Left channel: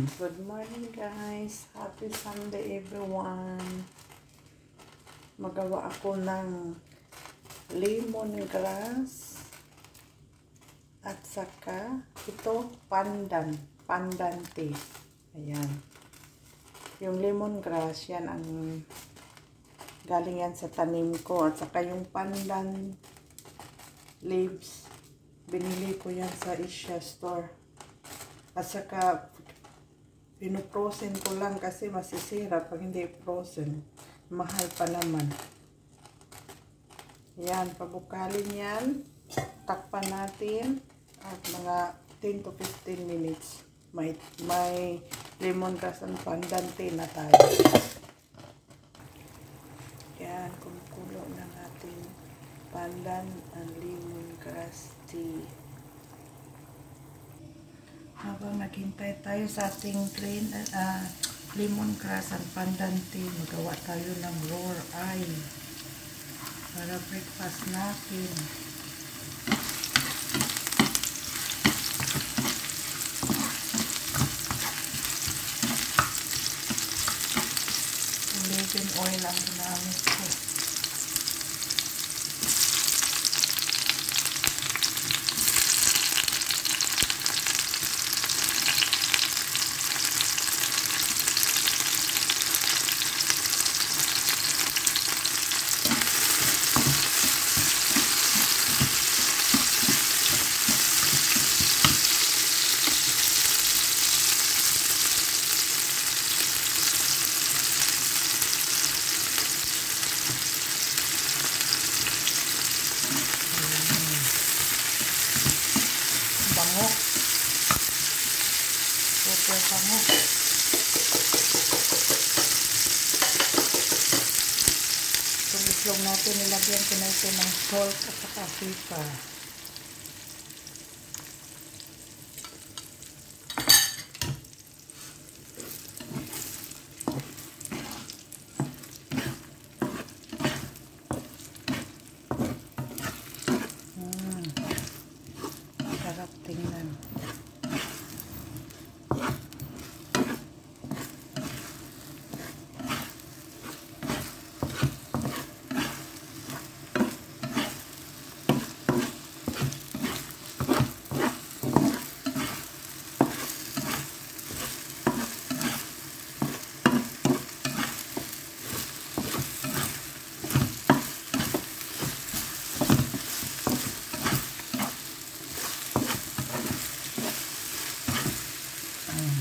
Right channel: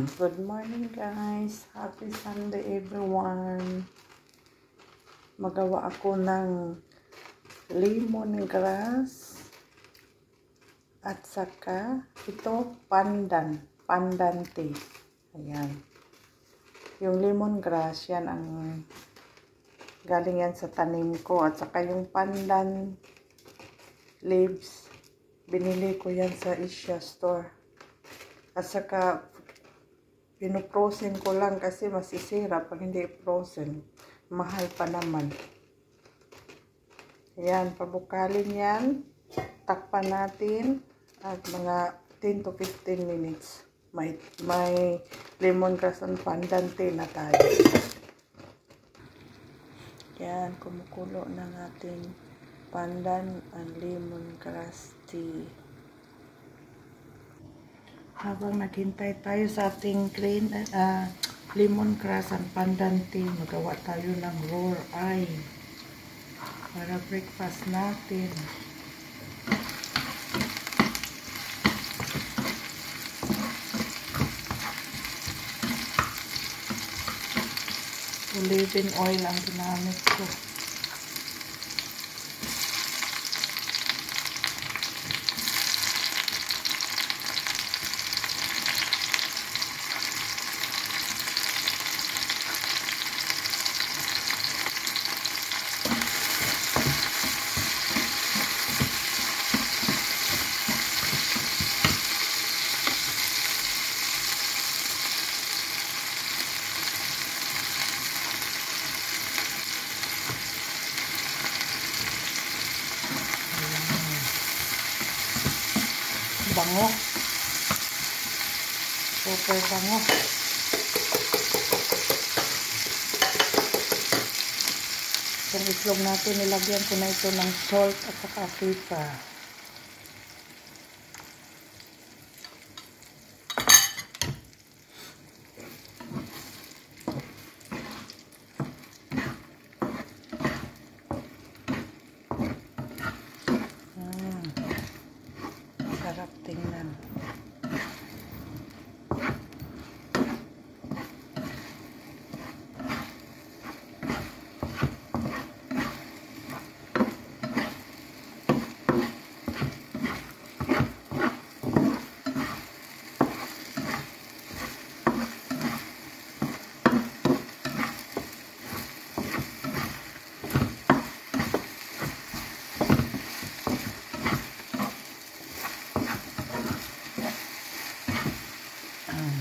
Good morning guys. Happy Sunday everyone. Magawa ako ng lemongrass at saka ito pandan tea. Ayan. Yung lemongrass yan ang galing yan sa tanim ko at saka yung pandan leaves binili ko yan sa Asia store. At saka pinoprosen ko lang kasi masisira pag hindi frozen. Mahal pa naman. Ayan, pabukalin yan. Takpan natin at mga 10 to 15 minutes. May lemongrass and pandan tea na tayo. Yan, kumukulo ng ating pandan and lemongrass tea. Habang naghintay tayo sa ating lemongrass and pandan tea, magawa tayo ng raw eye para breakfast natin. Olive oil ang ginamit ko. Bango. Super bango. Itong itlog natin, nilagyan ko na ito ng salt at saka pepper. Sarap tingnan.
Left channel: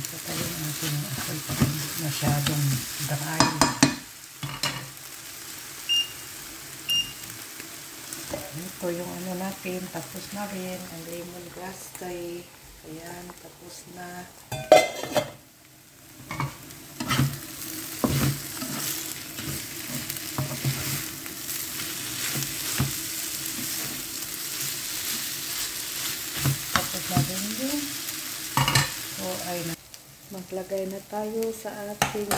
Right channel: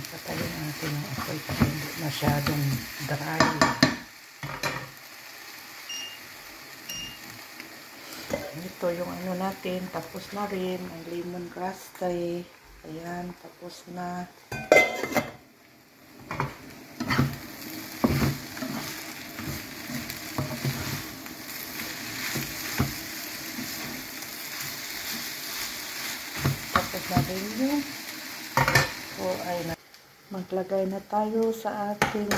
Patayin natin ang apoy para hindi masyadong dry. Ito yung ano natin, tapos na rin ang lemongrass tea. Ayan, tapos na. Tapos na rin yung maglagay na tayo sa ating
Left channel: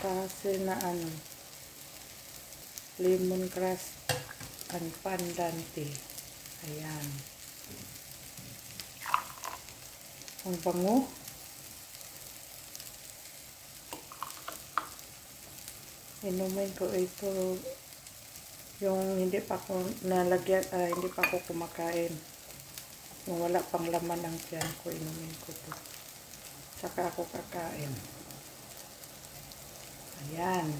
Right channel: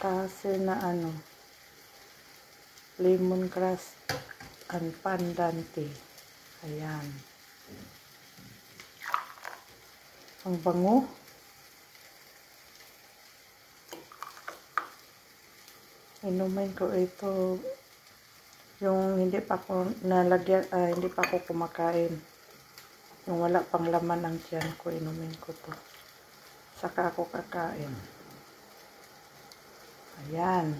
kasi na lemongrass and pandan tea. Ayan. Ang bango. Inumin ko ito yung hindi pa ko nalagyan, hindi pa ko kumakain. Yung wala pang laman ang tiyan ko, inumin ko to. Saka ako kakain. Ayan.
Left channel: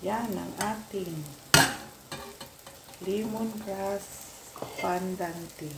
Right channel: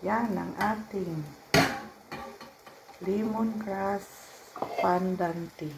Yan ang ating lemongrass pandan tea.